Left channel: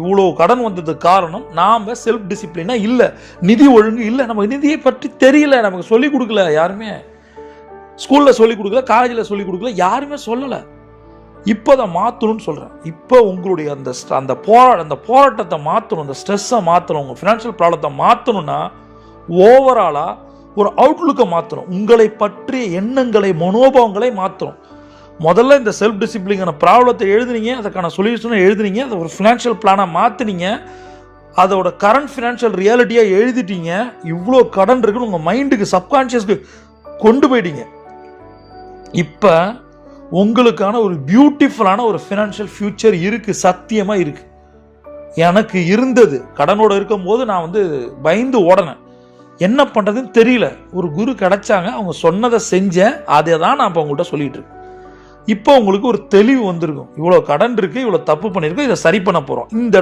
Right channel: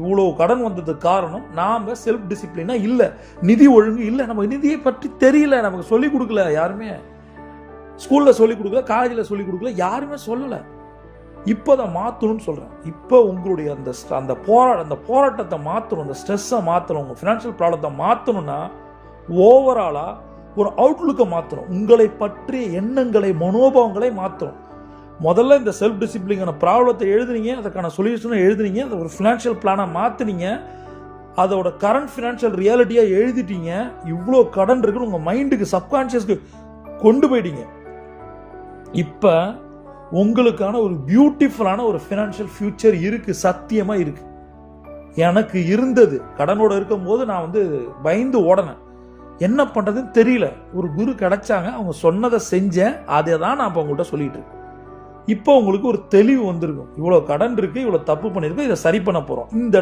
இவ்வளோ கடன் வந்ததுக்கு காரணம் நாம செல்ஃப் டிசிப்ளினா இல்லை, நிதி ஒழுங்கு இல்லை, நம்ம நிதியை பற்றி தெரியல, நமக்கு சொல்லிக் கொடுக்கல, யாருமே ஸ்கூலில் சொல்லிக் கொடுக்கல, காலேஜில் சொல்லிக் கொடுக்கல, யாருமே சொல்லலை. இப்போ அதை மாற்றணும்னு சொல்கிறேன். இப்போ உங்களுடைய அந்த போராட்டத்தை மாற்றணும், அந்த ஸ்ட்ரெஸ்ஸை மாற்றணும், உங்கள் ஃபினான்ஷியல் ப்ராப்ளத்தை மாற்றணும்னா ஓவராலாக ஒரு அவுட்லுக்கை மாற்றணும், உங்களை பற்றிய எண்ணங்களை மனோபாவங்களை மாற்றணும். முதல்ல இந்த செல்ஃப் டிசிப்ளினான ப்ராப்ளத்தை எழுதுனீங்க, அதுக்கான சொல்யூஷனை எழுதுனீங்க, அதை ஒரு ஃபினான்ஷியல் பிளானாக மாற்றினீங்க, அதோட கரண்ட் ஃபினான்ஷியல் ரியாலிட்டியாக எழுதிட்டீங்க. இவ்வளோ கடன் இருக்குன்னு உங்கள் மைண்டுக்கு சப்கான்ஷியஸ்க்கு கொண்டு போயிட்டீங்க. இப்போ உங்களுக்கான ஒரு பியூட்டிஃபுல்லான ஒரு ஃபினான்ஷியல் ஃபியூச்சர் இருக்குது, சத்தியமாக இருக்குது. எனக்கு இருந்தது. கடனோடு இருக்கும்போது நான் பயந்து ஓடனேன், என்ன பண்ணுறதுன்னு தெரியல. ஒரு குரு கிடைச்சாங்க, அவங்க சொன்னதை செஞ்சேன், அதை தான் நான் இப்போ உங்கள்கிட்ட சொல்லிகிட்டு இருக்கேன். இப்போ உங்களுக்கு ஒரு தெளிவு வந்திருக்கும், இவ்வளோ கடன் இருக்குது, இவ்வளோ தப்பு பண்ணியிருக்கோம், இதை சரி பண்ண போகிறோம். இந்த இடத்துல